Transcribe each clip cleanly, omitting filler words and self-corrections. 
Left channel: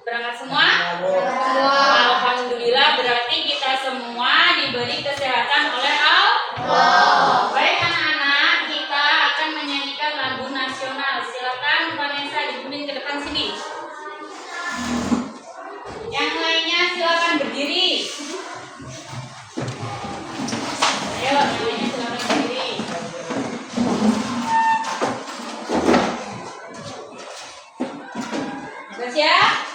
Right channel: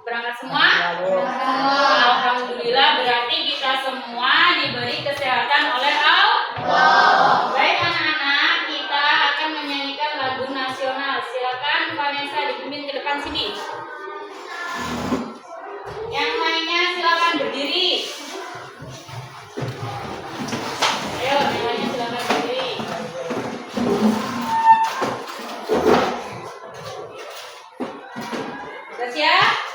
Berangkat semua? Alhamdulillah, berarti kita semua diberi kesehatan oleh Allah. Baik anak-anak, kita akan menyanyikan lagu nasional. Silakan Vanessa dipimpin ke depan sini. Yang lainnya silakan berdiri. Ayo, yang lainnya silakan berdiri. Sudah siap?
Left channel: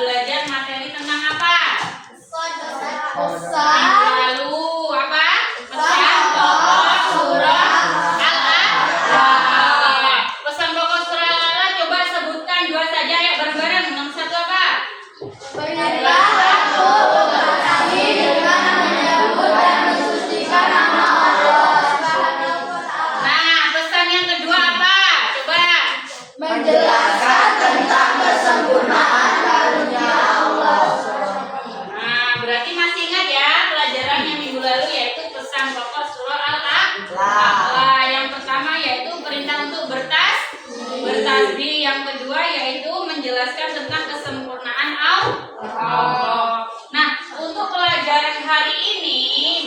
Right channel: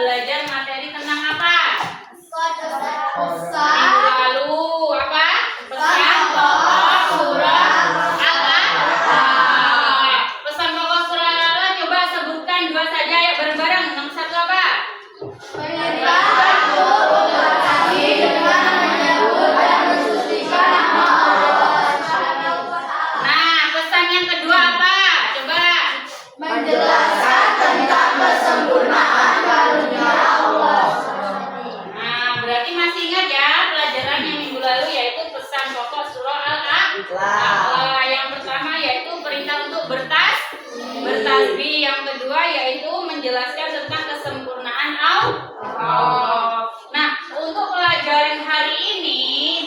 Belajar materi tentang apa? Minggu lalu apa? Pesan pokok surah Al-A'la. Pesan pokok surah Al-A'la coba sebutkan dua saja ya bareng-bareng. Nomor satu apa? Nah, pesan yang kedua apa? Coba. Menjelaskan tentang kesempurnaan karunia Allah. Nah, berarti masih ingat ya pelajaran yang minggu lalu yaitu pesan pokok surah Al-A'la. Yang pertama yaitu perintah untuk bertasbih. Yang kedua yaitu menjelaskan tentang kesempurnaan Allah. Nah, untuk pelajaran hari ini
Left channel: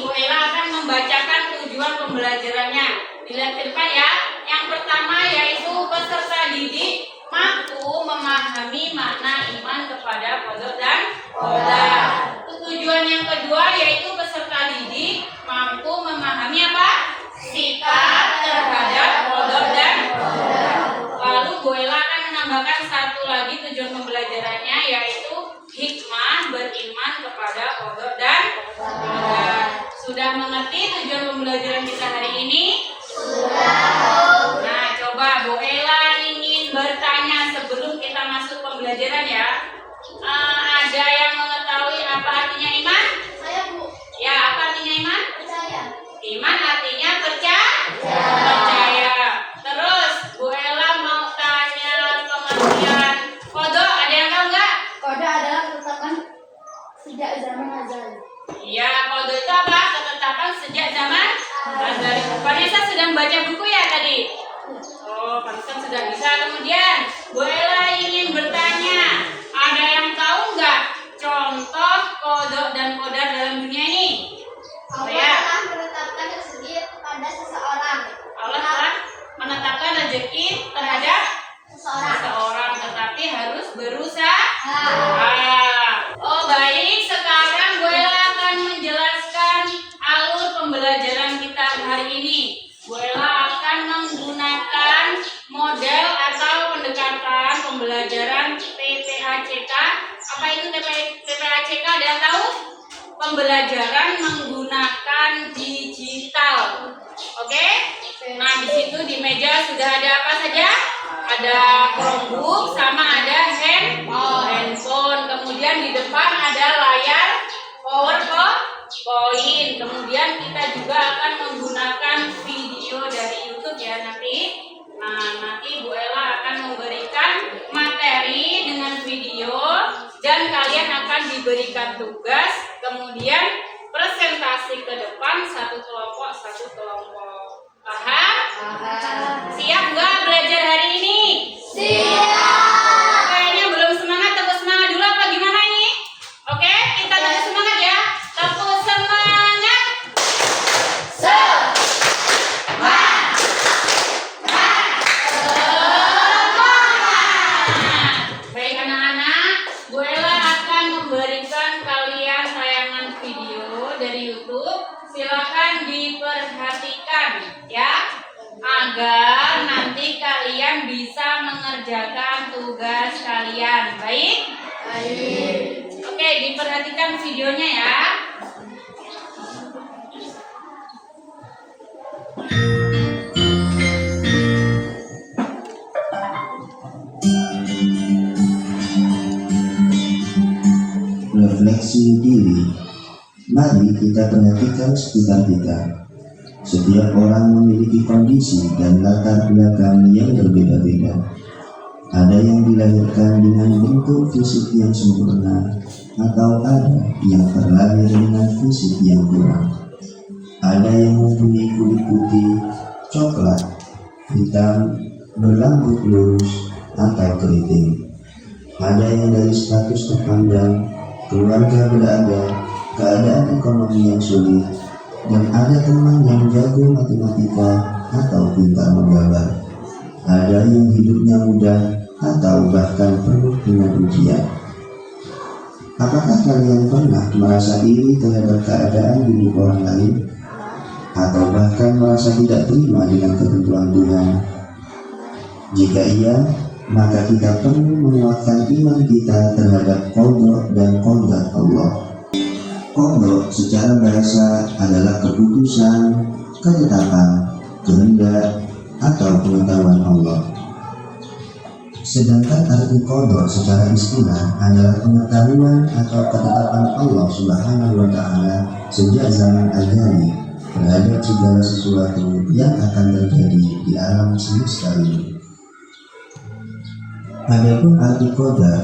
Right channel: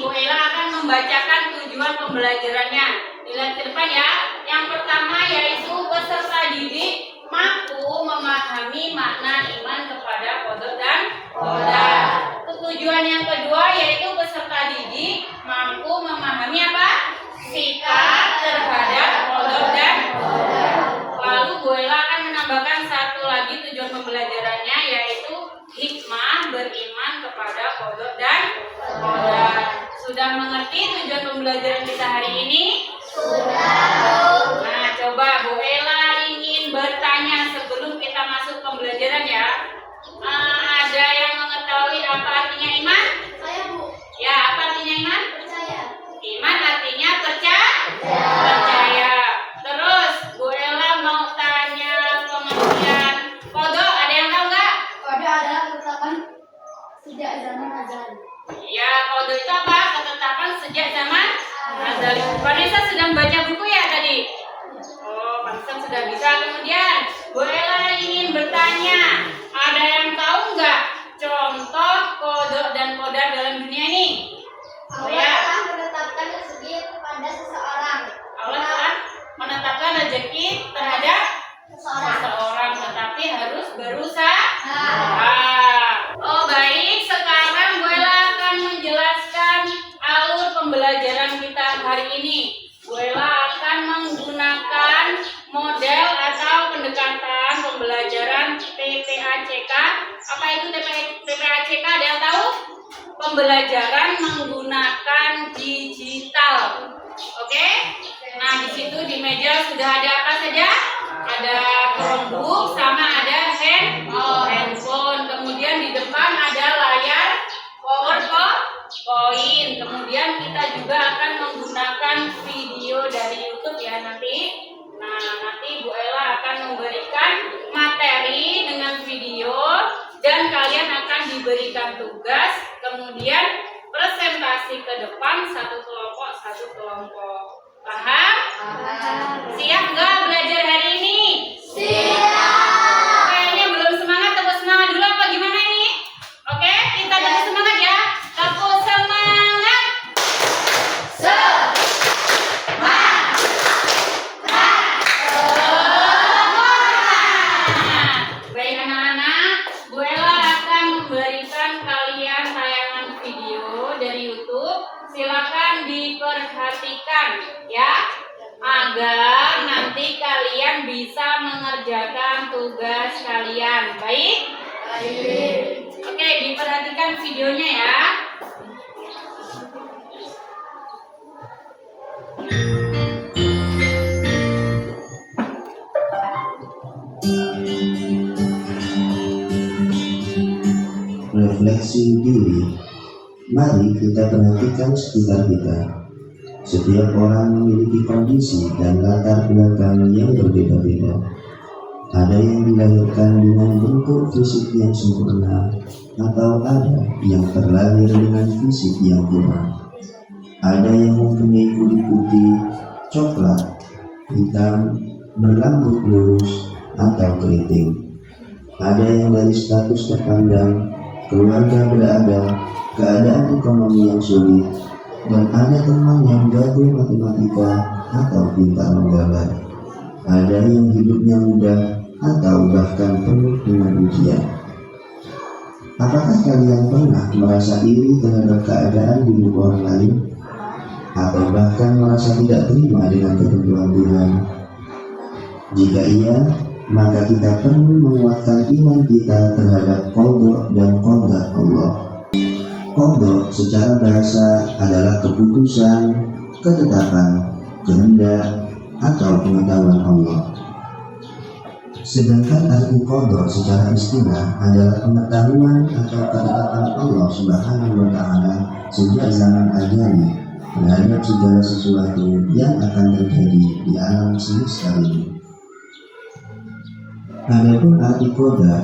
Bu Ella akan membacakan tujuan pembelajarannya. Dilihat ke depan ya. Yang pertama yaitu peserta makna iman kepada qada dan qadar. Tujuan yang kedua yaitu peserta didik mampu memahami apa? Sikap terhadap qada dan qadar. Lalu Bu Ella akan menambahkan satu lagi tujuan pembelajarannya yaitu hikmah beriman kepada qada dan qadar. Sudah mengerti tujuan pembelajaran kita hari ini? Sudah. Nah, coba Bu Ella ingin bertanya sebelum kita masuk pembelajaran ya. Ada yang mengetahui apa artinya iman? Saya, Bu. Ya, apa artinya iman? Percaya. Iman artinya percaya. Terus Bu Ella mau tanya pengertian qada. Ada yang tahu nggak? Qada adalah ketetapan sejak zaman azali. Ya, qada itu apa? Ketetapan sejak zaman azali. Vanessa sedang baca buku ya tadi? Oh, pantesan sudah bisa. Kemudian Bu Ella ingin bertanya, ada yang tahu nggak contoh qada dan qadar dalam dunia ini? Oh Allah ya, telah menetapkan rezeki pada seseorang. Allah telah menetapkan rezeki terhadap Seseorang. seseorang, tetapi harus berusaha. Nah, Oh baik, sekarang Bu Ella akan menjelaskan alur pembelajaran kita hari ini. Bu Ella akan menggunakan model atau pendekatan pembelajaran PPACK. Apa itu PPACK? Ada yang tahu? Pembelajaran menggunakan digital. Oke? Nah, di situ di meja sudah ada apa saja? Ada Chromebook sama ada handphone. Kemudian di depan ada layar PowerPoint. Kemudian kita juga akan menggunakan video dari YouTube ya nanti. Nah, nanti Bu Ella akan memberikan materi dengan video dan kalian akan diberikan tugas. Kemudian presentasi ke depan satu kelompok. Paham? Siap nggak belajar hari ini? siap. Kayaknya belum semangat, tepuk semangat dulu apa gimana ini? Oke, kita tepuk semangat ya. Tepuk semangat. Baik anak-anak, Bu Ella akan memberikan kalian tayangan video dari YouTube. Silakan diperhatikan ya, agar nanti kalian bisa mengerjakan tugas kalian. Baik? Oke, diperhatikan videonya ya. Refleksi diri. Mari kita perhatikan sekitar kita. Setiap orang memiliki kondisi dan latar belakang yang berbeda-beda. Ada yang dilahirkan dengan bentuk fisik yang sempurna, atau ada yang terlahir dengan fisik yang kurang. Ada yang mempunyai kulit putih, coklat, hitam, berambut lurus, atau keriting. Ada yang dari status terpandang, keluarga berada, keadaan ekonomi yang sulit, dan ada teman yang jago matematika atau pintar menggambar. Ada yang hidupnya mudah atau bahkan penuh dengan ujian. Apakah kalian pernah merasa iri terhadap keadaan hidup orang lain? Atau bahkan merasa tidak terima dengan ketentuan Tuhan? Jika iya, maka kita perlu menguatkan iman kita terhadap qada dan qadar Allah. Qada secara bahasa adalah keputusan, ketetapan, kehendak, atau pengetahuan Allah. Sedangkan arti qada secara istilah adalah pengetahuan atau ketetapan Allah Subhanahu wa Ta'ala sejak zaman azali terhadap segala sesuatu yang akan terjadi di alam semesta ini. Adapun arti qadar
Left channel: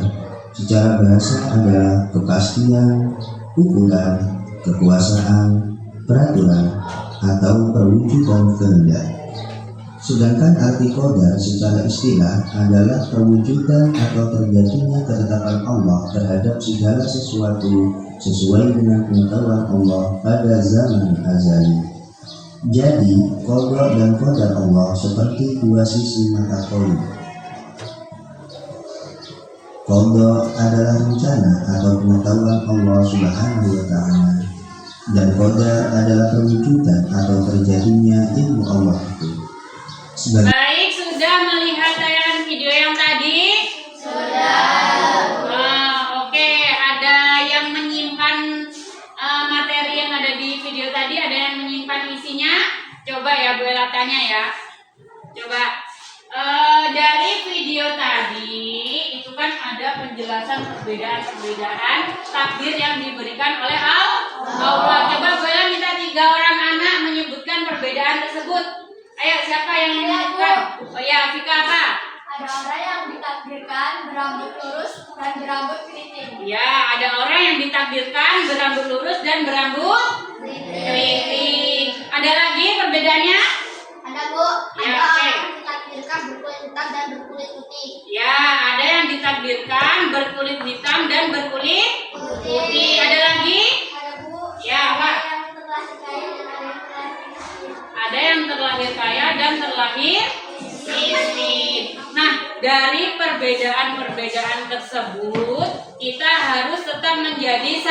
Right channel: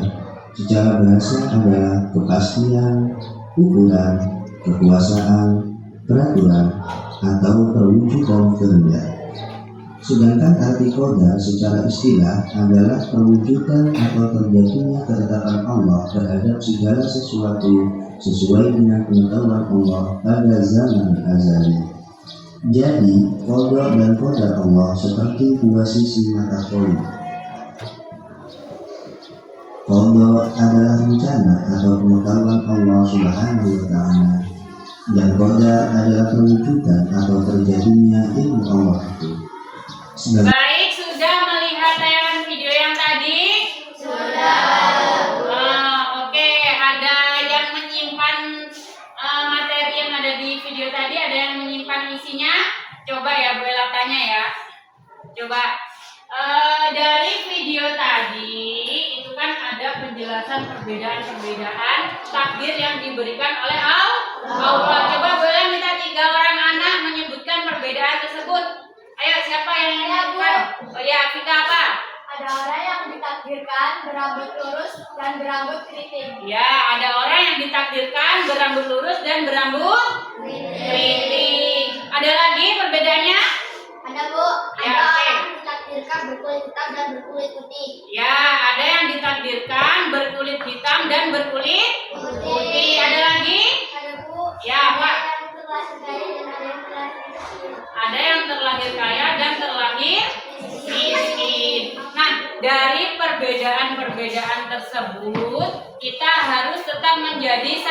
secara bahasa adalah kepastian, ukuran, kekuasaan, peraturan, atau perwujudan kehendak. Sedangkan arti qadar secara istilah adalah perwujudan atau terjadinya ketetapan Allah terhadap segala sesuatu sesuai dengan pengetahuan Allah pada zaman azali. Jadi, qada dan qadar Allah seperti dua sisi mata koin. Qadha adalah rencana atau pengetahuan Allah Subhanahu wa Ta'ala, dan qadar adalah perwujudan atau terjadinya ilmu Allah itu. Baik, sudah melihat tayangan video yang tadi? Oke, ada yang menyimpan materi yang ada di video tadi, ada yang menyimpan isinya? Coba ya, Bu Ella tanya ya. Coba dari video tadi itu kan ada penjelasan perbedaan-perbedaan takdir yang diberikan oleh Allah. Coba Bu Ella minta 3 orang anak menyebutkan perbedaan tersebut. Ayo, siapa yang menyebutkan? Oh ya, Vika apa? Ada orang yang ditakdirkan berambut lurus dan berambut keriting. Ya, ada orang yang ditakdirkan berambut lurus dan berambut keriting. Ada lagi perbedaannya? Ada Bu, Ya, ada oke. orang yang ditakdirkan berkulit hitam dan berkulit putih. Ya, ada yang ditakdirkan berkulit hitam dan berkulit putih. Ada lagi? Ada Bu, Ya, apa? ada yang terlahir kaya dan ada yang terlahir miskin. Ada yang terlahir kaya dan terlahir miskin. Nah, dari perbedaan-perbedaan tersebut, kita harus tetap menjadi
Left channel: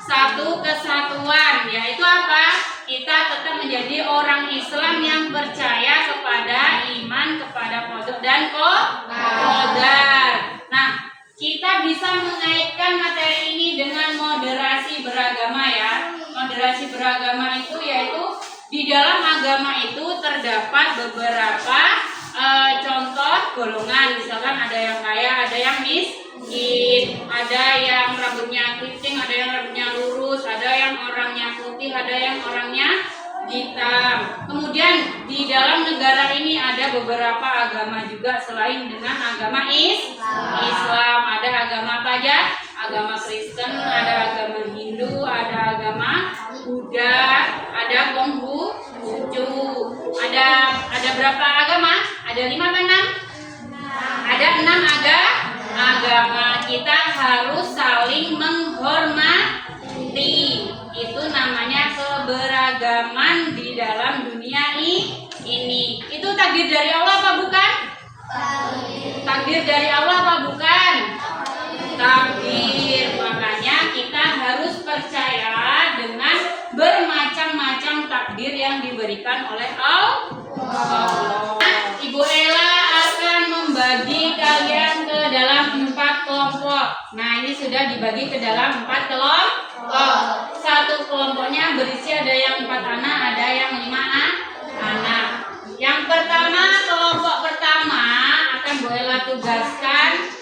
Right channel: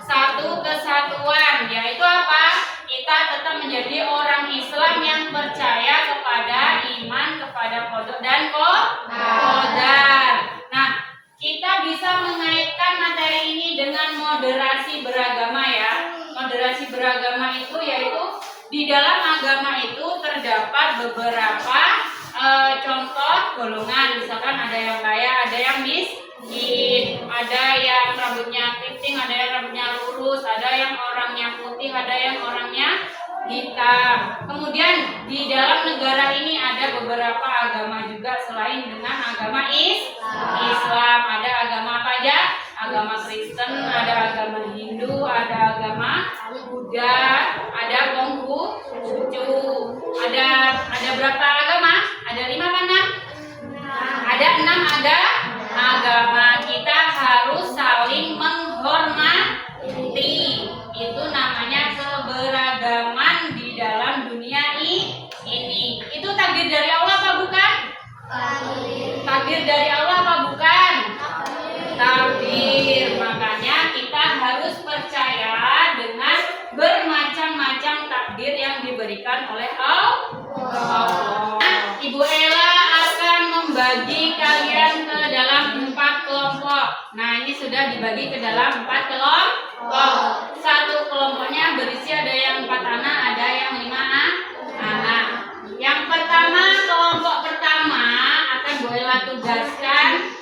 satu kesatuan. Yaitu apa? Kita tetap menjadi orang Islam yang percaya kepada iman, kepada qadha dan qadar. Nah, kita bisa mengaitkan materi ini dengan moderasi beragama ya. Moderasi beragama itu yaitu di dalam agama itu terdapat beberapa contoh golongan. Misalkan ada yang kaya, ada yang miskin, ada yang rambutnya keriting, ada yang rambutnya lurus, ada yang orangnya putih, ada yang orangnya hitam. Kemudian di dalam negara ini ada beberapa agama juga selain dengan agama Islam. Ada agama apa aja? Agama Kristen, ada agama Hindu, ada agama Buddha, ada Konghucu. Ada berapa agama? Ada 5 apa 6? Ada 6 agama. Kita harus saling menghormati. Itu namanya keberagaman di dalam dunia ini. Itu takdir dari Allah apa bukan? Takdir dari Allah apa bukan? Takdir. Makanya kita harus percaya dengan bermacam-macam takdir yang diberikan oleh Allah. Ibu Ella akan membagi kalian ke dalam 4 kelompok. Nah, ini sudah dibagi ke dalam 4 kelompok. Satu kelompoknya berisi ada yang 4 anak, ada yang 5 anak. Yang pertama, kelompok pertama akan Bu Ella tugaskan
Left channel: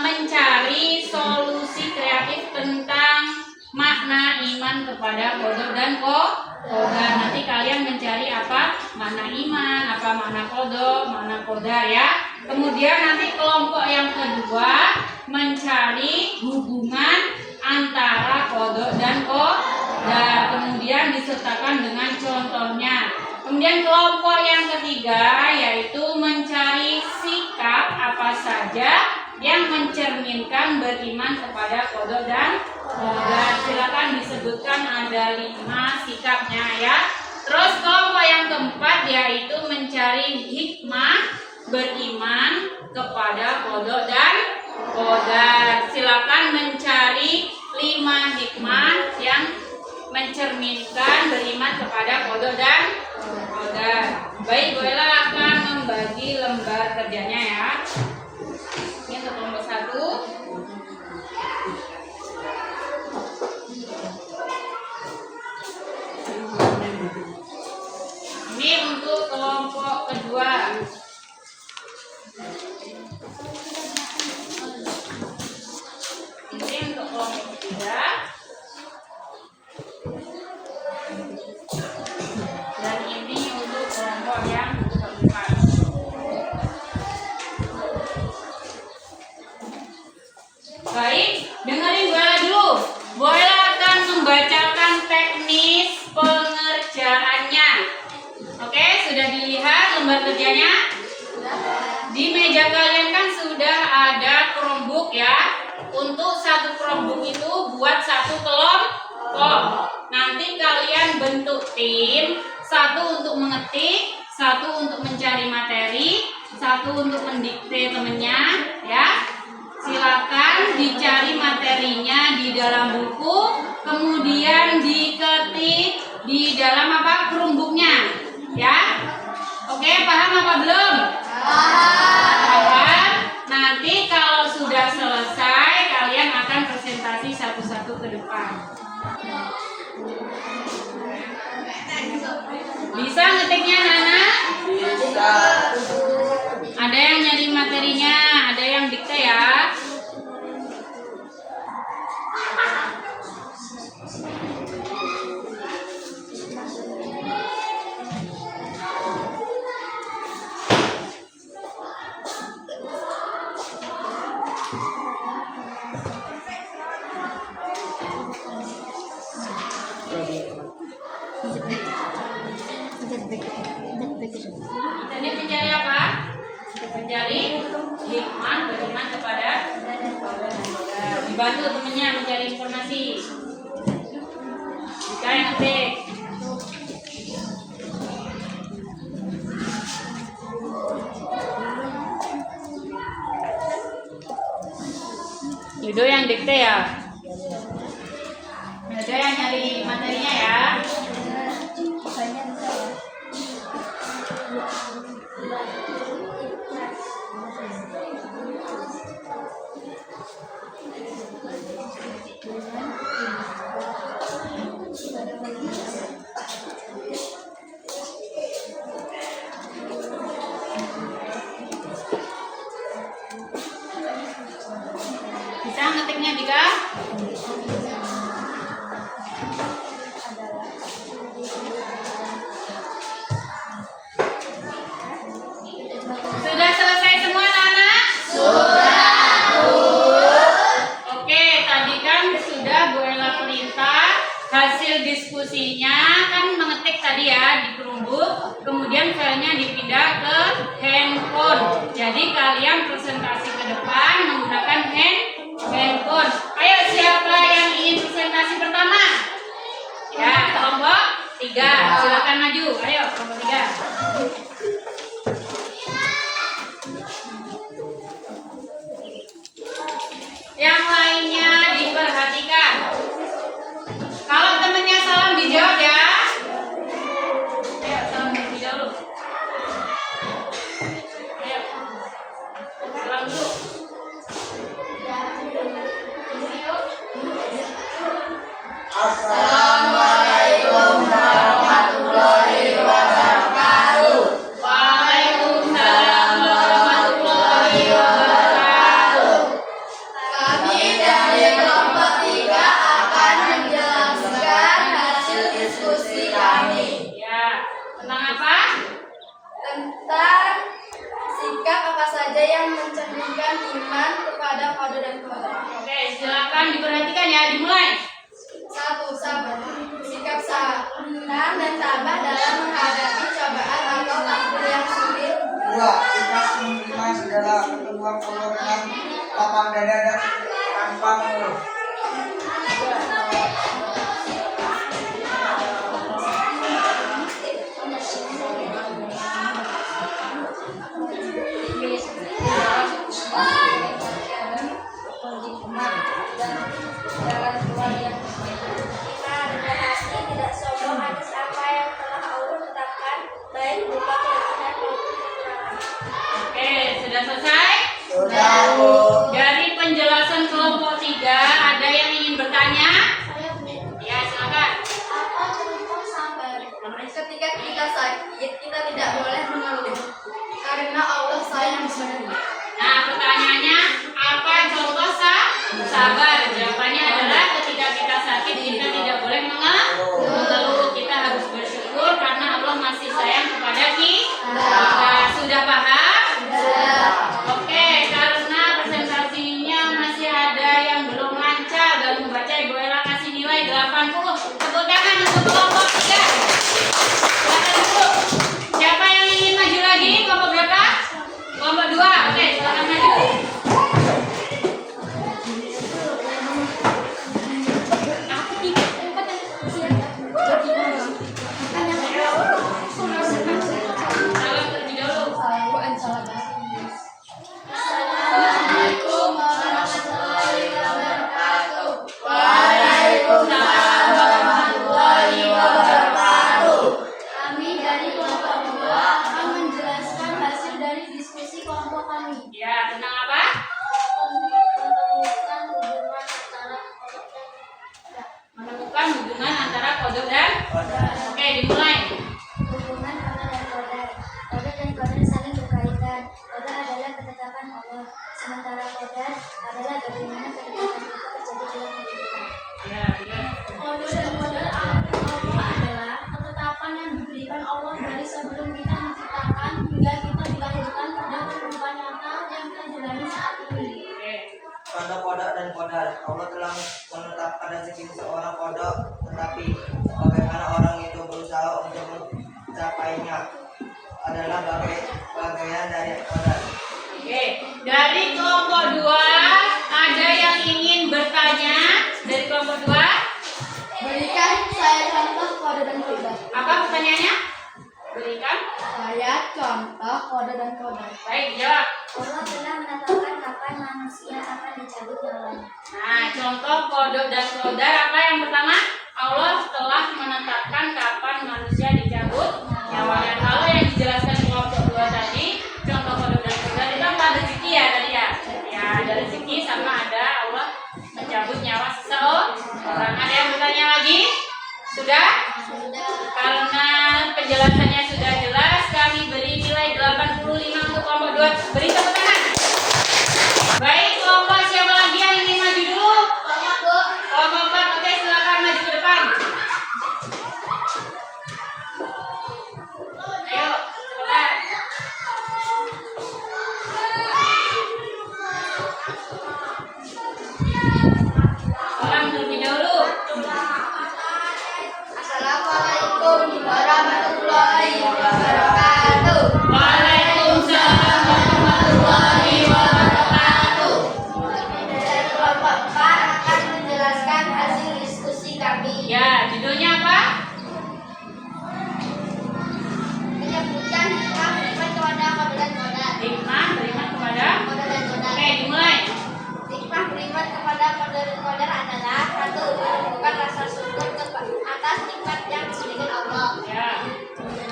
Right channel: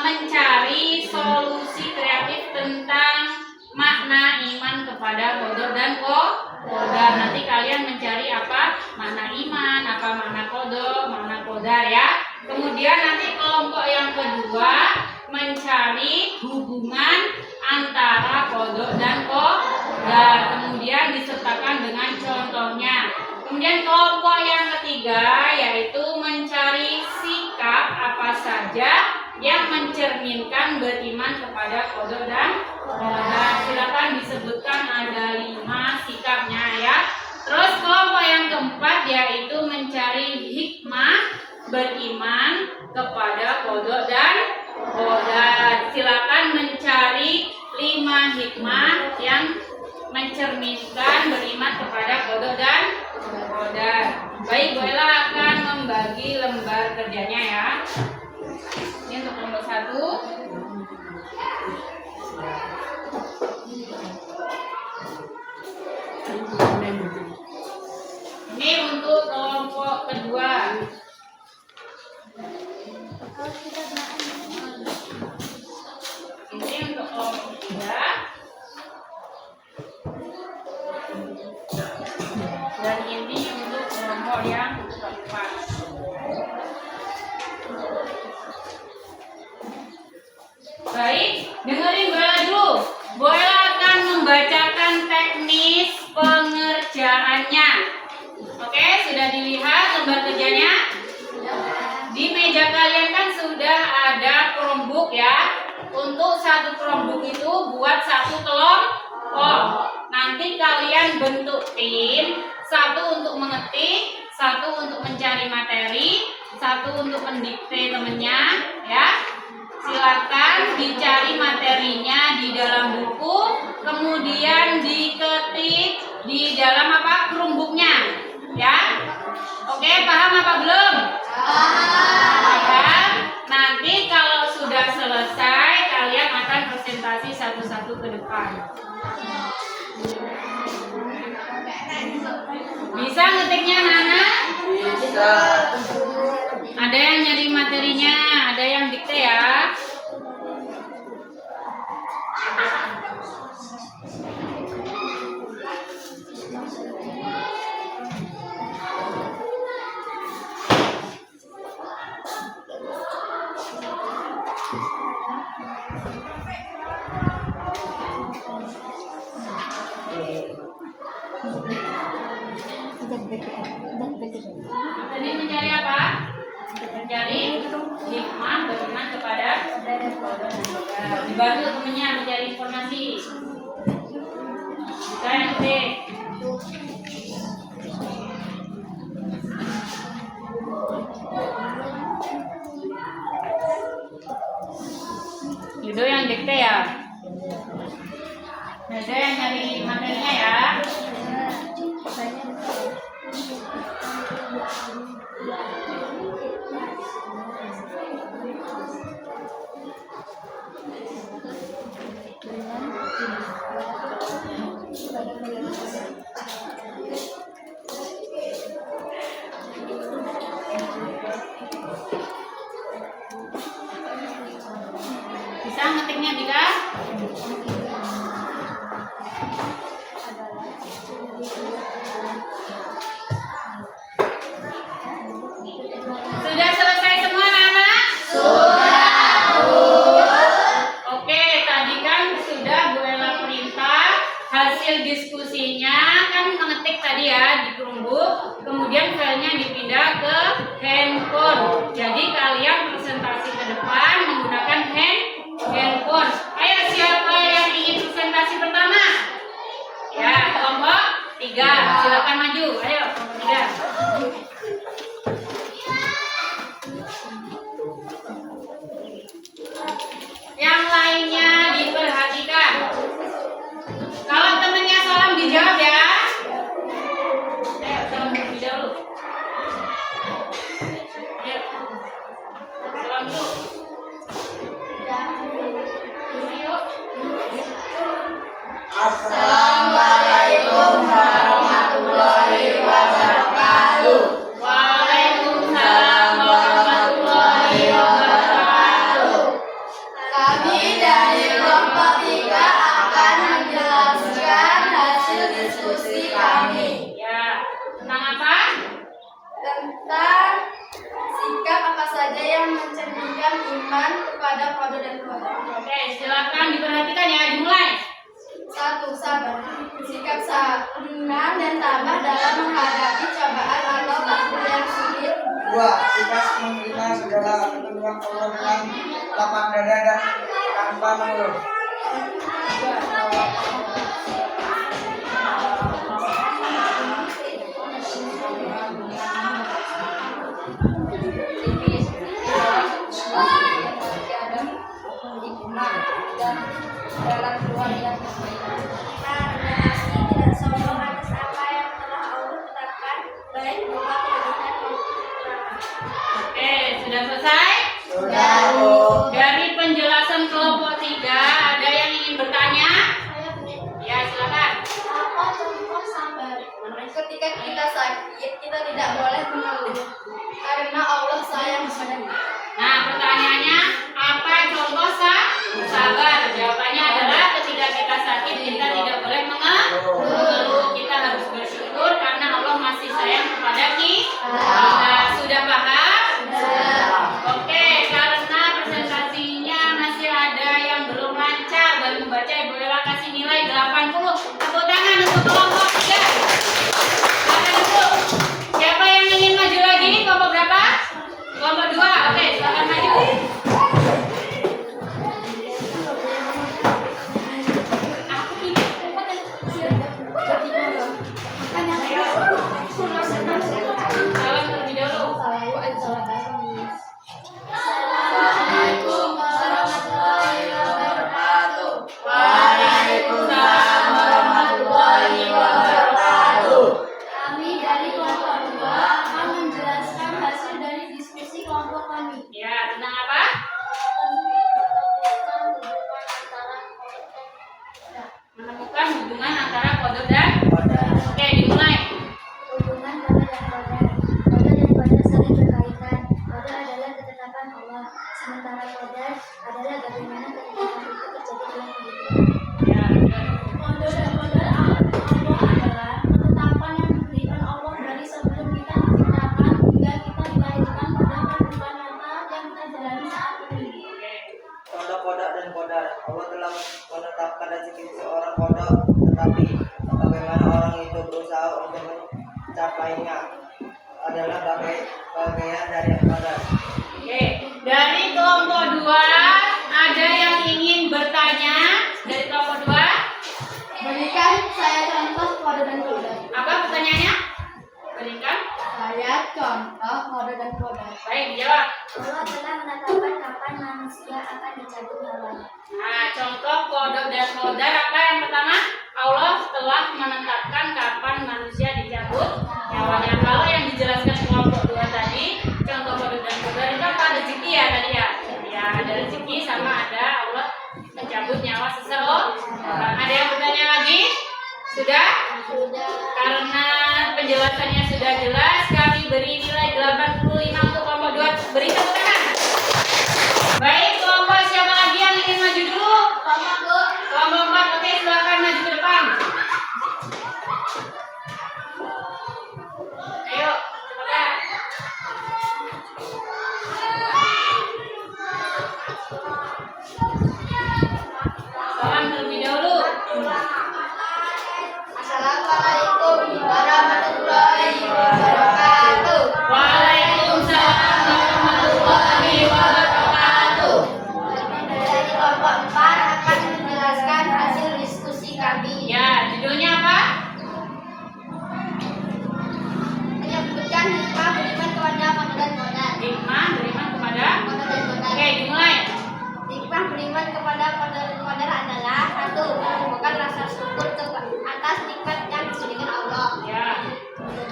mencari solusi kreatif tentang makna iman kepada qadha dan qadar. Nanti kalian mencari apa makna iman, apa makna qadha, makna qadar ya. Kemudian nanti kelompok yang kedua mencari hubungan antara qadha dan qadar. Kemudian disertakan dengan contohnya. Kemudian kelompok yang ketiga yaitu mencari sikap apa saja yang mencerminkan beriman kepada qadha dan qadar. Silakan disebutkan ada 5 sikapnya ya. Terus kelompok yang keempat yaitu mencari hikmah beriman kepada qadha dan qadar. Silakan mencari 5 hikmah yang mencerminkan beriman kepada qadha dan qadar. Baik, Bu Ella akan membagi lembar kerjanya ya. Ini untuk kelompok 1. Ini untuk kelompok kedua. Ini untuk kelompok ketiga. Dan ini untuk kelompok yang keempat. Baik, dengerin Bu Ella dulu. Bu Ella akan membacakan teknis pengerjaannya. Oke, sudah dilihat lembar kerjanya? Di meja kalian kan sudah ada Chromebook ya. Untuk satu Chromebook itu buat satu kelompok. Nanti kalian bentuk tim, satu untuk mengetik, satu untuk mencari materi, satu untuk mendikte temennya ya. Silakan silakan dicari materinya di dalam buku, kemudian diketik di dalam apa? Chromebooknya, ya. Oke, paham apa belum? Paham. Nanti kalau sudah selesai, kalian akan presentasi satu-satu ke depan. Bisa ngetiknya, Nana? Bisa. Ada yang nyari materinya, ada yang dikte ya. Tadi mencari apa? Mencari hikmah beriman kepada dibantu temennya mencari informasi. Kita yang ketik. Yudo yang dikte ya. Ada yang nyari materinya ya. Bisa ngetiknya Dika? Sudah selesai semua anak? Sudah. Oke, tadi kan sudah Bu Ella perintah hasil diskusinya kan mengetik tadi ya di Chromebook, kemudian filenya dipindah ke handphone. Jadi kalian presentasi ke depan menggunakan handphone. Ayo siapa yang ingin presentasi pertama? Ya, kelompok 3. Silakan maju. Ayo kelompok 3. Yang lainnya diperhatikan. Kalau temennya salam dijawab ya. Ayo salam terlebih dahulu. Ayo. Salam dulu. Assalamualaikum warahmatullahi wabarakatuh. Waalaikumsalam warahmatullahi wabarakatuh. Kami dari kelompok 3 akan menjelaskan hasil diskusi kami Ya, tentang apa? tentang sikap apa saja yang mencerminkan iman kepada kode dan kode. Oke, silakan diperhatikan ya, dimulai. 1. Sabar. Sikap senang dan tabah dalam menghadapi cobaan atau takdir yang sulit. 2. Ikhlas menerima segala petunjuk Allah dengan lapang dada dan tanpa mengeluh. 80. Tepuk tangan untuk kelompok 3. Silakan dulu. Siapa yang ingin maju lagi? Kelompok berapa? Kelompok 2. Sementara qadar adalah bagaimana ketetapan itu terjadi dalam kehidupan. Ya, Qadar dan qadar Allah adalah ketetapan yang diberikan Allah dari sebelum kita diciptakan hingga kita dilahirkan pada kehidupan nyata yang kita jalani saat ini. oke. Contoh kodok dan kodar. Allah telah menetapkan rezeki seorang kodok, tetapi bagaimana orang itu berusaha untuk mencapainya adalah bagian dari kodar. Oke, dari kelompok 2 ada yang ingin bertanya dari kelompok 2? Berikan saya contoh qadar dan qadar. Apa pertanyaannya? Berikan. Saya contoh qadar dan qadar. Baik, dijawab. Allah telah menetapkan kapan manusia akan dicabut nyawanya. Nah, contoh kodok dan kodar apa yang pertama? Allah telah menetapkan kapan manusia dicabut nyawanya. Kalau yang dijelaskan kelompok 2 tadi, contoh kodok dan kodar itu apa? Rezeki ya tadi ya? Ya, ada rezeki sama ada Allah mencabut nyawa seseorang. Ada yang bertanya lagi? Sudah? Sudah. Karena penjelasannya sudah jelas, kami beri nilai 85 untuk kelompok 2. Beri tepuk tangan. Baik, kelompok siapa lagi yang ingin maju dulu? Kelompok Bu. Kelompok 4, oke, silakan maju ke depan. Ayo, cepetan. Salam terlebih dahulu. Assalamualaikum warahmatullahi wabarakatuh. Waalaikumsalam warahmatullahi wabarakatuh. Dari kelompok 4 akan menjelaskan hasil diskusi kami. Ya, judulnya apa? Menyebutkan hikmah beriman kepada qadar dan qadar. Hikmah beriman kepada. Qadar dan qadar. Oke, dimulai. Hikmah beriman kepada qadar dan qadar adalah satu, menumbuhkan rasa syukur atas nikmat yang diberikan Allah. Ya.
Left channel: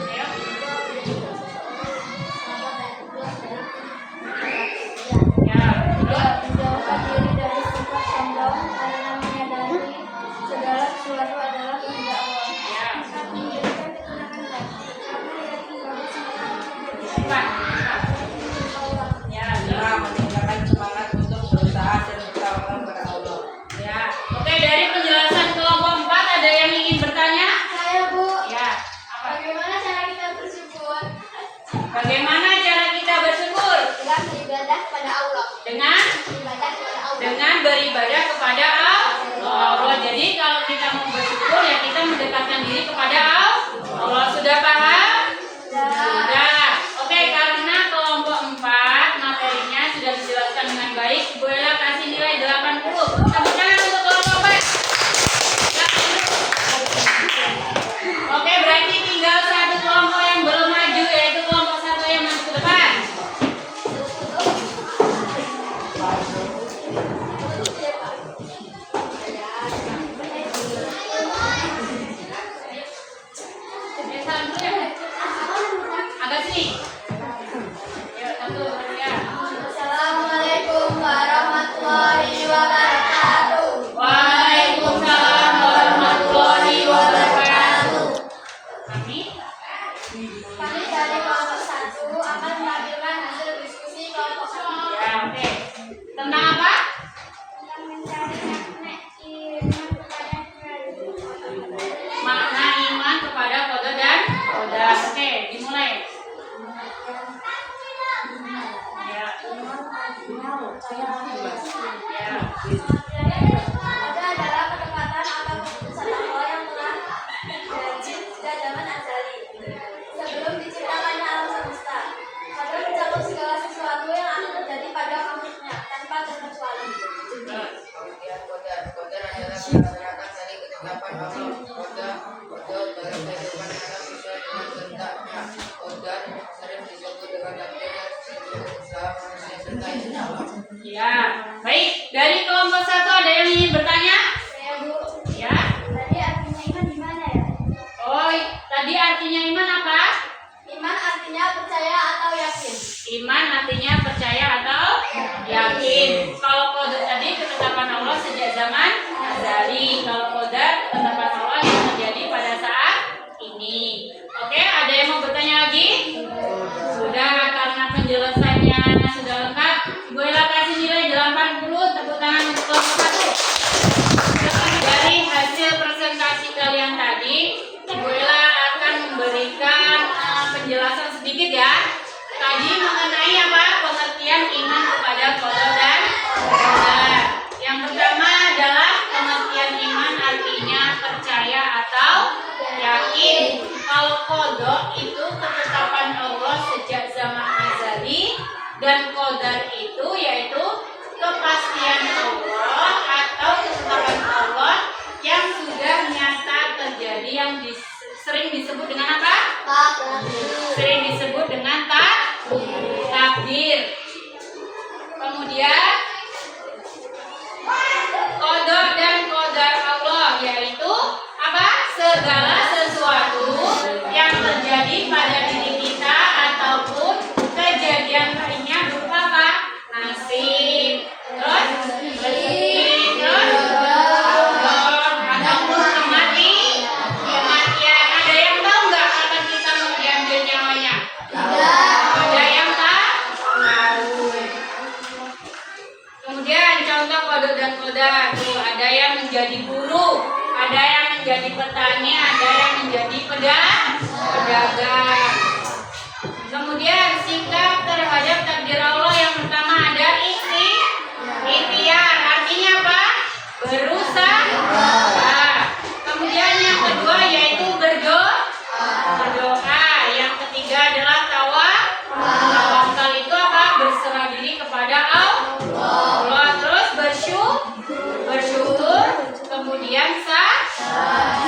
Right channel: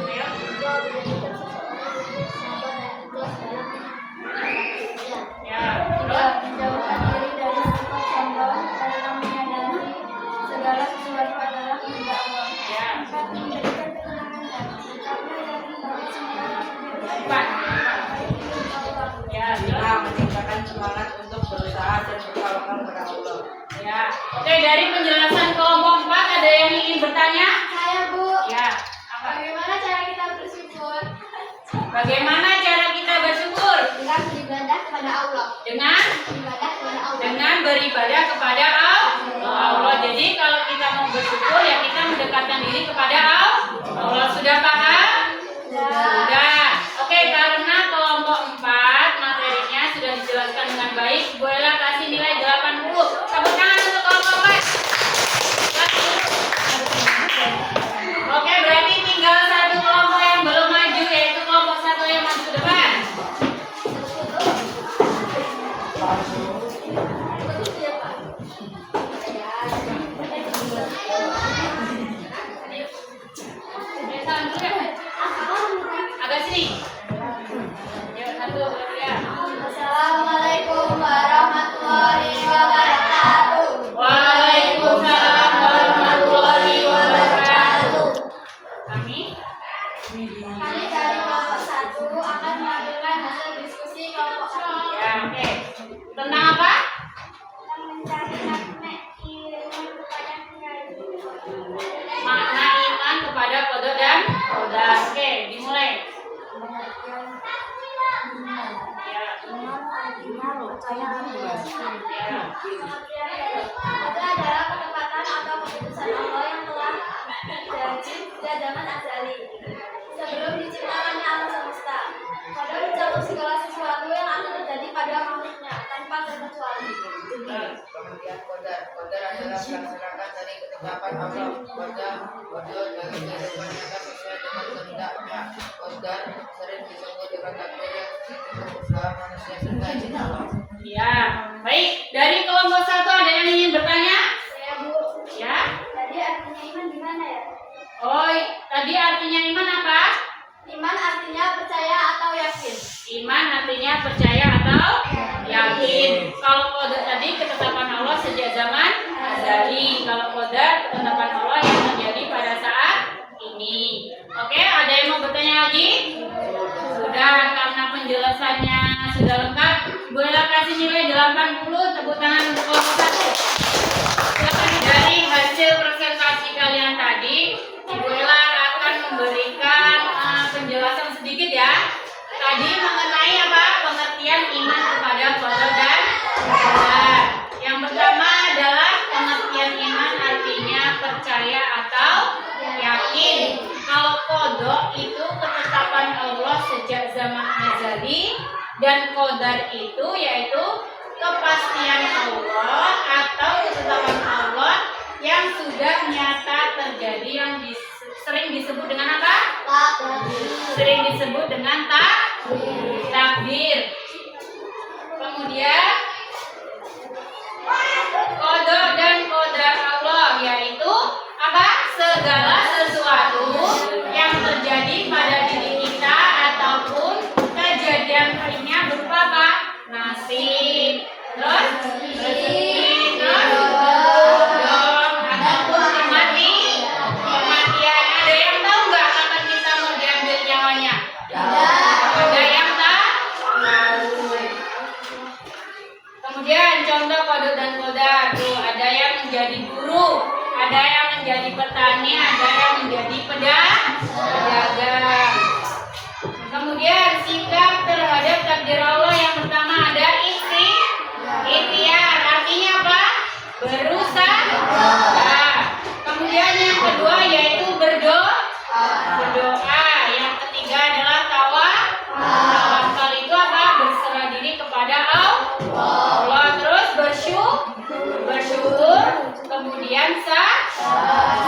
Ayo. Dua, menjadikan seseorang sabar dan ikhlas dalam bekerja. Ya. Tiga, menjauhkan diri dari sifat sombong karena menyadari segala sesuatu adalah kehendak Allah. Ya. Empat, memberikan ketenangan hati karena yakin bahwa semua yang terjadi Empat. Allah. Ya. 5. Meningkatkan semangat untuk berusaha dan bertawakal kepada Allah. Ya. Oke, dari penjelasan kelompok 4 ada yang ingin bertanya? Saya Bu, Ya. Apa? bagaimana cara kita bersyukur? Bagaimana cara kita bersyukur? Dengan beribadah kepada Allah. Dengan beribadah kepada Allah. Jadi kalau kita mau bersyukur ya kita mendekatkan diri kepada Allah. Sudah paham? Sudah. Oke, karena kelompok 4 materinya sudah dijelaskan dengan baik, Bu Ella kasih nilai 80. Tepuk tangan untuk kelompok 4. Oke, berarti tinggal satu kelompok yang belum maju, yaitu kelompok 1 yang maju ke depan. Salam dulu ya. Agak sini. Yuk, satu, ya. Assalamualaikum warahmatullahi wabarakatuh. Waalaikumsalam warahmatullahi wabarakatuh. Kami Kami dari kelompok 1 akan menampilkan hasil diskusi kelompok kami. ya, oke. Tentang apa? Tentang mencari makna iman kepada Makna iman kepada qadar dan qadar. Oke, dimulai. Ya. Iman artinya percaya Ya. Qadar adalah ketepatan atau keputusan Allah yang telah terjadi sejak zaman azali sebelum diciptakannya alam semesta. Qadar mencakup segala sesuatu yang akan terjadi pada makhluknya tanpa terkecuali. Pengertian kodar adalah melaksanakan dari ketetapan Allah. Kodar dalam kehidupan kita sesuai dengan kehendaknya. Kodar sering disebut dengan takdir yang untuk usaha manusia serta izin Allah. Ya. Baik, dari kelompok 1 ada yang ingin bertanya? Saya Bu, Ya. tadi artinya iman gimana ya? Oh, tadi artinya iman apa? Iman artinya percaya atau yakin. Iman artinya percaya atau yakin. Kalau qadar tadi ketetapan Allah sejak zaman azali. Kalau qadar ketetapan Allah yang terjadi pada saat ini. Oke, ada yang mau bertanya lagi? Sudah, karena penjelasannya sudah lengkap. Bu Ella kasih nilai 80. Tepuk tangan untuk kelompok 1. Dari hasil presentasi kalian tadi, Ibu Ella akan memberikan penjelasan sedikit ya. Tadi mengenai apa? Pengertian iman kepada qada dan qadar. Yang pertama adalah pengertian iman artinya percaya atau yakin. Kalau qada itu ketetapan Allah sejak zaman azali, dan qadar itu yaitu kepastian Allah atau ketetapan Allah yang sudah nyata terjadi, yang sering disebut dengan apa? Sering disebut dengan takdir. Kemudian qada dan qadar Allah yaitu apa? Segala sesuatu yang terjadi pada diri kita ataupun kejadian lainnya berupa apa? Nasib, terus rezeki, terus jodoh, ataupun kematian. Ada yang tahu nggak kapan kita mau diambil nyawanya? Ada yang tahu? Kemudian contoh qada dan qadar tuh, ada yang menjadi guru, ada yang menjadi petani, ada yang menjadi pedagang. Kemudian sikap terhadap takdir Allah yang pertama ada ikhtiar, artinya apa? Berusaha. Kemudian yang kedua yaitu berdoa. Yang ketiga adalah tawakal itu apa? Berserah diri kepada Allah. Terus bersyukur. Kemudian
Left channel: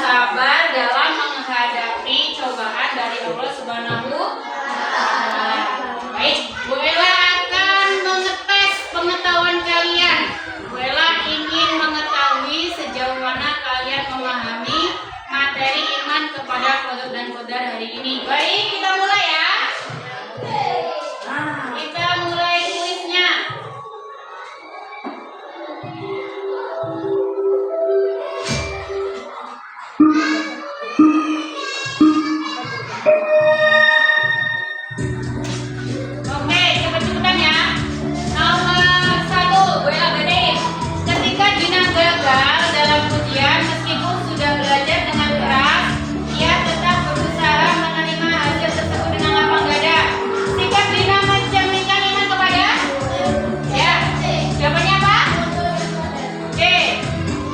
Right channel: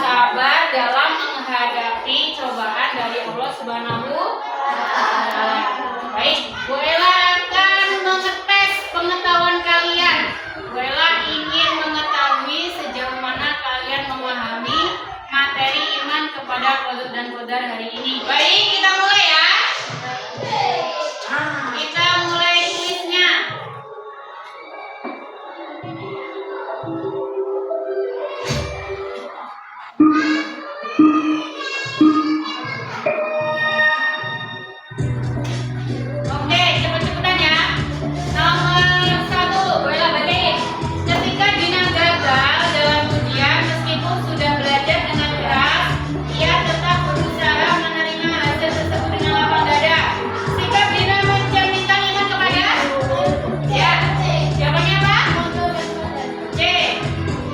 sabar dalam menghadapi cobaan dari Allah Subhanahu wa Ta'ala. Baik, Bu Ella akan mengetes pengetahuan kalian. Bu Ella ingin mengetahui sejauh mana kalian memahami materi iman kepada qada dan qadar hari ini. Baik, kita mulai ya. Kita mulai kuisnya. Oke, cepet-cepetan ya. Nomor 1, Bu Ella bacain. Ketika Dina gagal dalam ujian, meskipun sudah belajar dengan keras, ia tetap berusaha menerima hasil tersebut dengan lapang dada. Sikap Dina mencerminkan iman kepada? Ya. Jawabannya apa? Oke.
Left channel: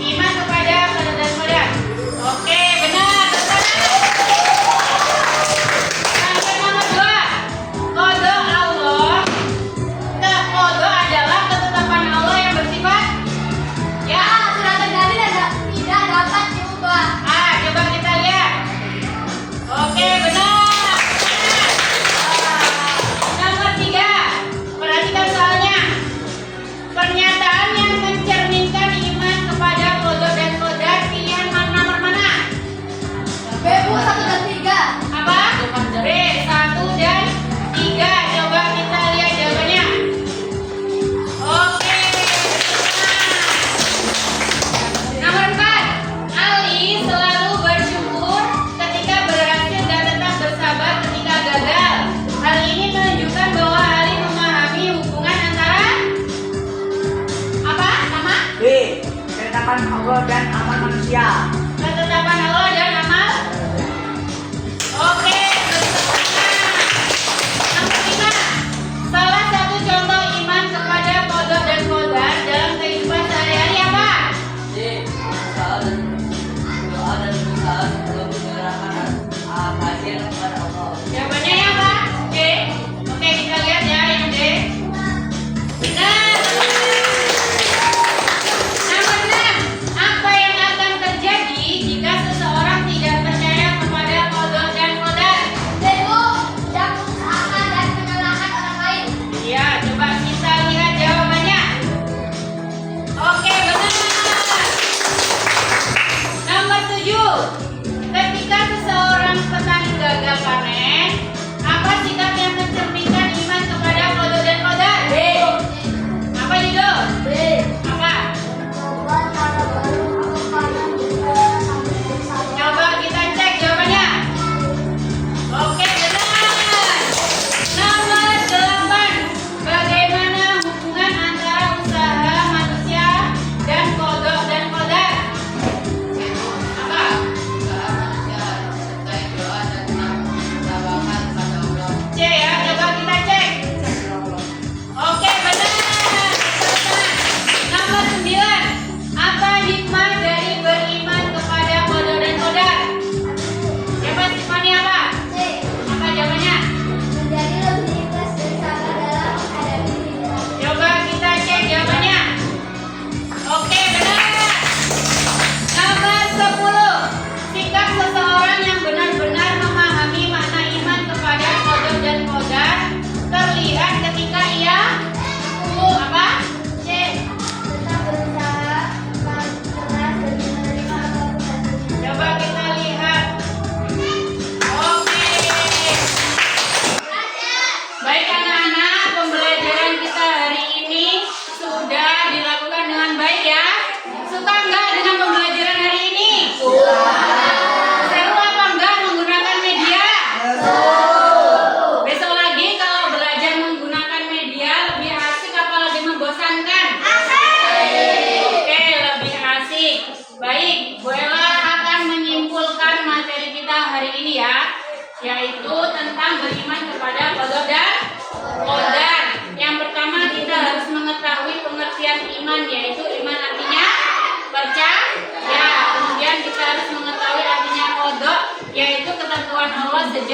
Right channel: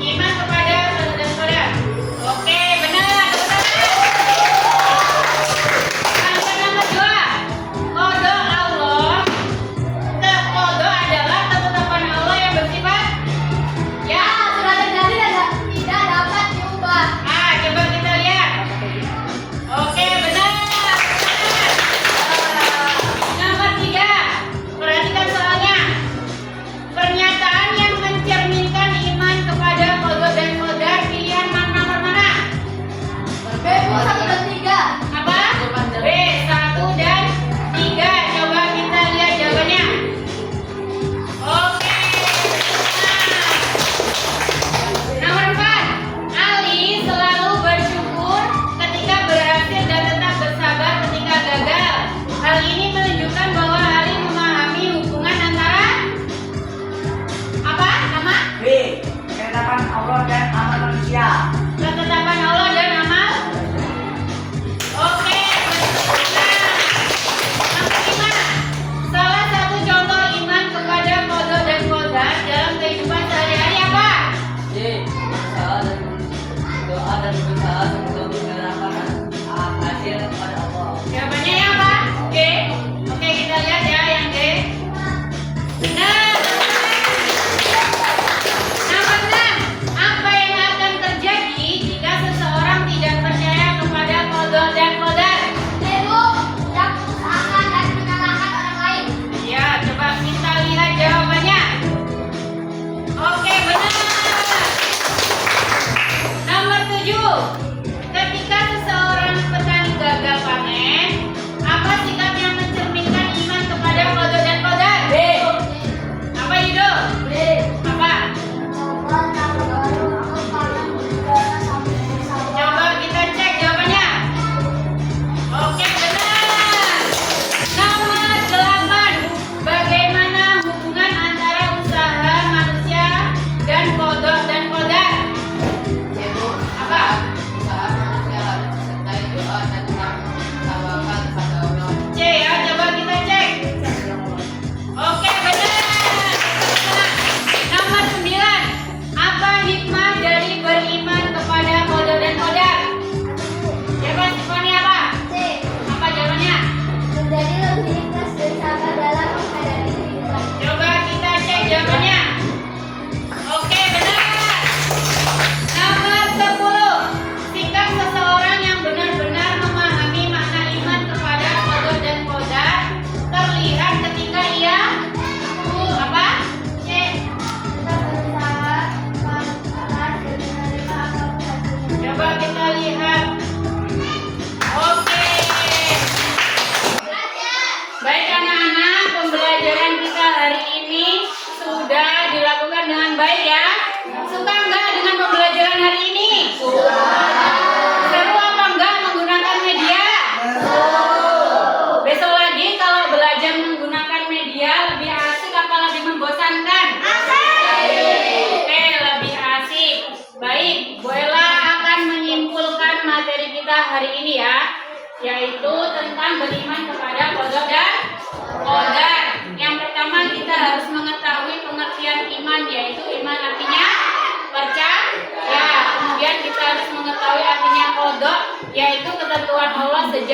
Iman kepada qada dan qadar. Oke, benar. Nomor 2. Qada Allah. Qada adalah ketetapan Allah yang bersifat ya. Sudah terjadi dan tidak dapat diubah. Coba kita lihat. Oke, benar. Nomor 3. Perhatikan soalnya. Pernyataan yang mencerminkan iman kepada qada dan qadar, pilihan nomor mana? B, Bu, 1 dan 3. Apa? B, 1 dan 3. Coba kita lihat jawabannya. Oke. Nomor 4. Ali selalu bersyukur ketika berhasil dan tetap bersabar ketika gagal. Hal ini menunjukkan bahwa Ali memahami hubungan antara apa? Nama? B. Ketetapan Allah dan amal manusia. Ketetapan Allah dan amal. Oke, nomor 5. Salah satu contoh iman kepada qada dan qadar dalam kehidupan sehari-hari apa? Doa dan berusaha sebelum menyerahkan hasil kepada Allah. Jawabannya yang apa? D. Oke, kita lihat ya yang D. Benar. Nomor 6. Apa yang akan terjadi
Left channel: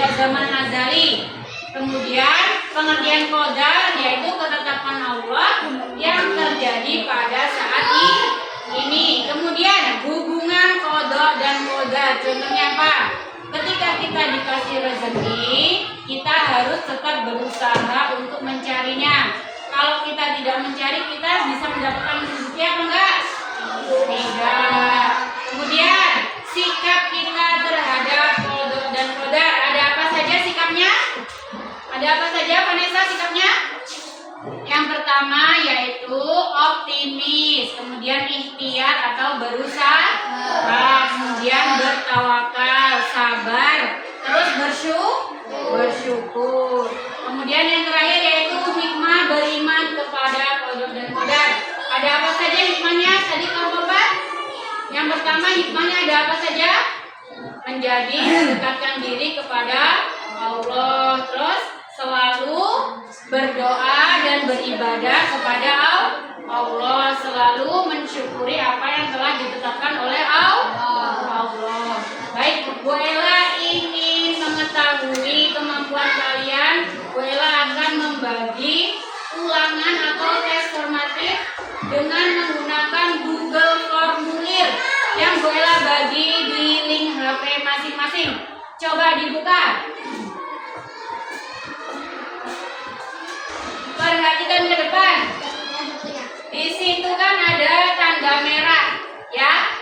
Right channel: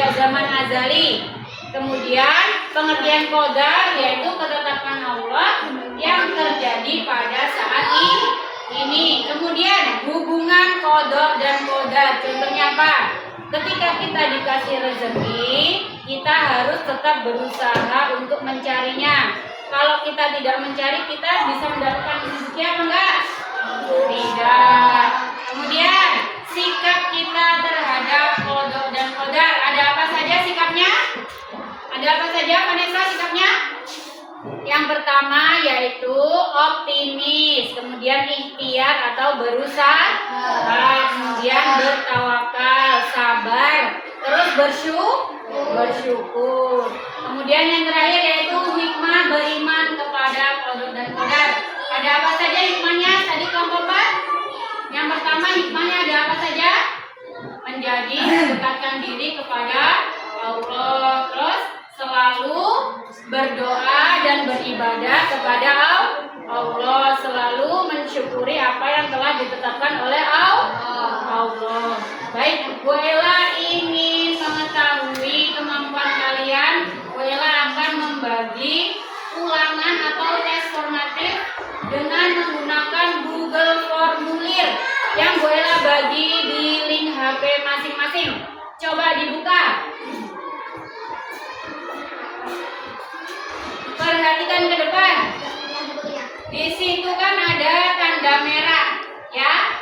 sejak zaman azali. Kemudian pengertian qadar yaitu ketetapan Allah yang terjadi pada saat ini. Kemudian hubungan qada dan qadar. Contohnya apa? Ketika kita dikasih rezeki, kita harus tetap berusaha untuk mencarinya. Kalau kita tidak mencari, kita bisa mendapatkan rezeki apa enggak? Tidak. Kemudian sikap kita terhadap qada dan qadar, ada apa saja sikapnya? Ada apa saja Vanessa sikapnya? Yang pertama yaitu optimis, kemudian ikhtiar atau berusaha, kemudian bertawakal, sabar, terus bersyukur. Kemudian yang terakhir yaitu hikmah, beriman kepada qada dan qadar. Ada apa saja hikmahnya? Tadi kelompok apa? Yang pertama hikmahnya ada apa saja? Menjadi mendekatkan diri kepada Allah, terus selalu berdoa dan beribadah kepada Allah, selalu mensyukuri apa yang telah ditetapkan oleh Allah. Baik, Bu Ella ingin mengetahui kemampuan kalian. Bu Ella akan membagi ulangan atau tes formatif dengan menggunakan Google Formulir yang Bu Ella bagi di link HP masing-masing. Coba dibuka. Perhatikan ke depan. Di situ kan ada tanda merah, ya.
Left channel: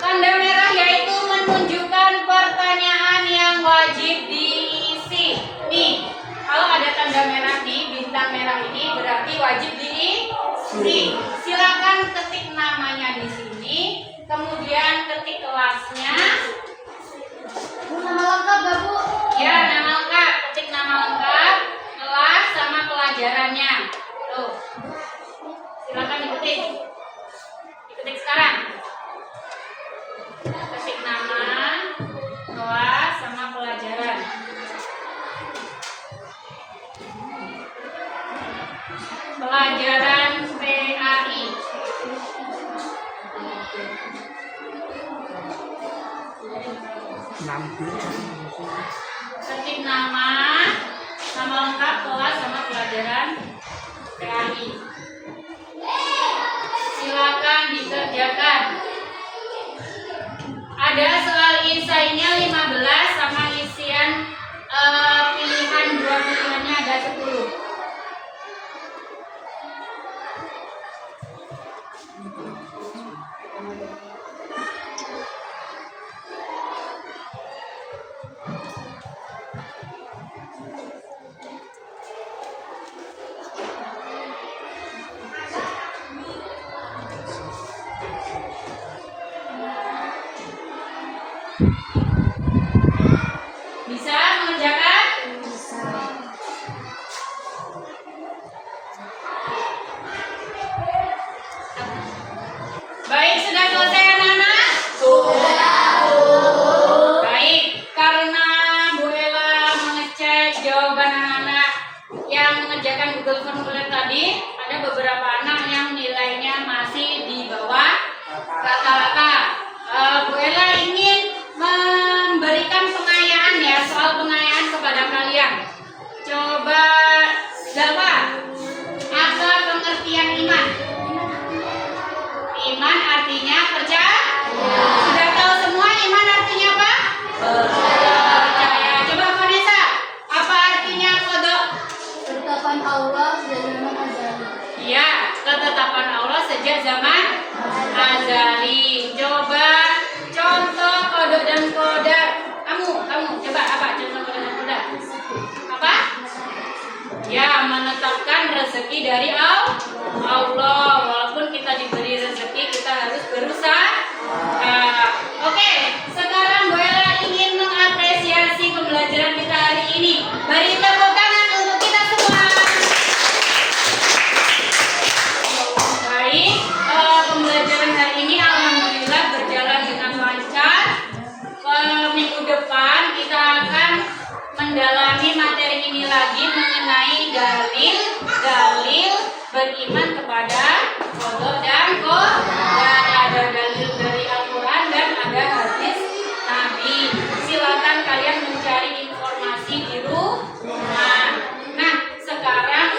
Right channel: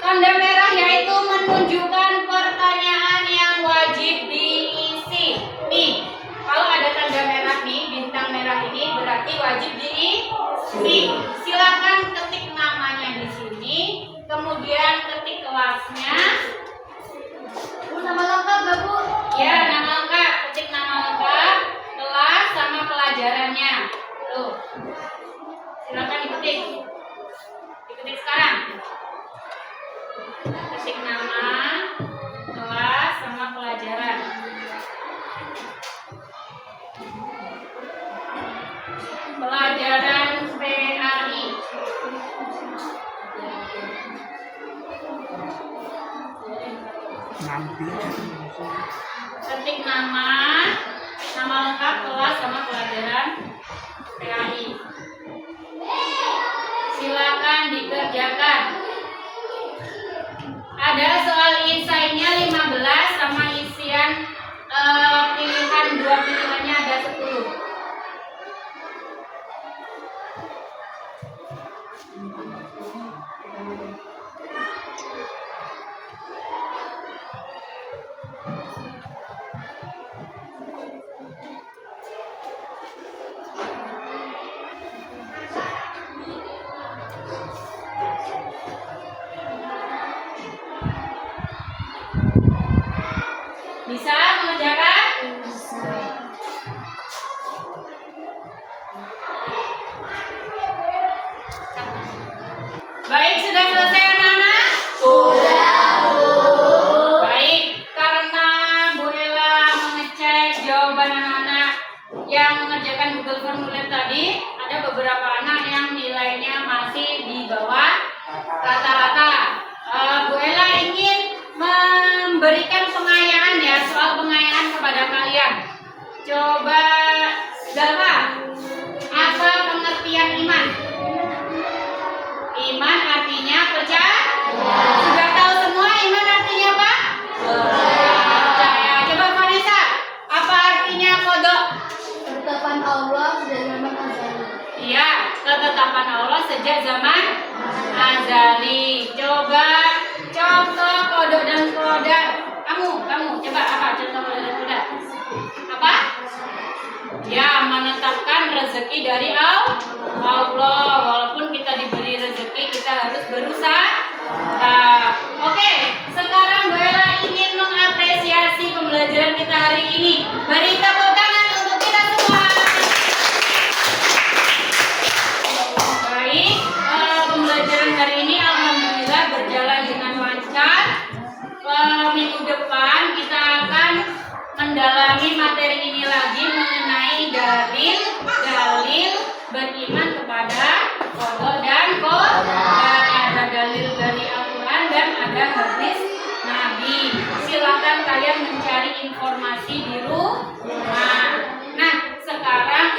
Tanda merah yaitu menunjukkan pertanyaan yang wajib diisi. Nih, kalau ada tanda merah nih, bintang merah ini berarti wajib diisi. Silakan ketik namanya di sini, kemudian ketik kelasnya. Bu, nama lengkap gak, Bu? Ya, nama lengkap. Ketik nama lengkap, kelas sama pelajarannya. Tuh. Silakan diketik. Diketik sekarang. Ketik nama, kelas sama pelajaran. Pelajaran PAI. Ketik nama lengkap, kelas sama pelajaran PAI. Silakan dikerjakan. Ada soal esainya 15 sama isian pilihan, dua pilihannya ada 10. Bisa mengerjakan? Baik, sudah selesai anak-anak? Baik, karena Bu Ella mengecek jawaban anak-anak yang mengerjakan Google Formulir tadi, ada beberapa anak yang nilainya masih di bawah rata-rata. Bu Ella ingin memberikan pengayaan ya, soal pengayaan kepada kalian. Coba Zalfa, apa pengertian iman? Iman artinya percaya. Sudah tahu semua iman artinya apa? Percaya. Coba Vanessa, apa artinya kodok? Ketetapan Allah sejak zaman azali. Iya, ketetapan Allah sejak zaman azali. Coba contoh kodok dan kodar. Kamu coba apa contoh kodok dan kodar? Apa? Ya, menetapkan rezeki dari Allah. Walaupun kita diberi rezeki, kita harus berusaha. Oke, sekarang Bu Ella ingin mengapresiasi pembelajaran kita hari ini. Beri tepuk tangan untuk kita semua. Baik, pembelajaran hari ini alhamdulillah berjalan dengan lancar. Minggu depan kita akan mendalami materi ini lagi mengenai dalil beriman kepada qada dan qadar. Ada dalil dari Al-Quran dan ada hadis Nabi. silakan kalian mencari informasi di rumah. Nah, sekarang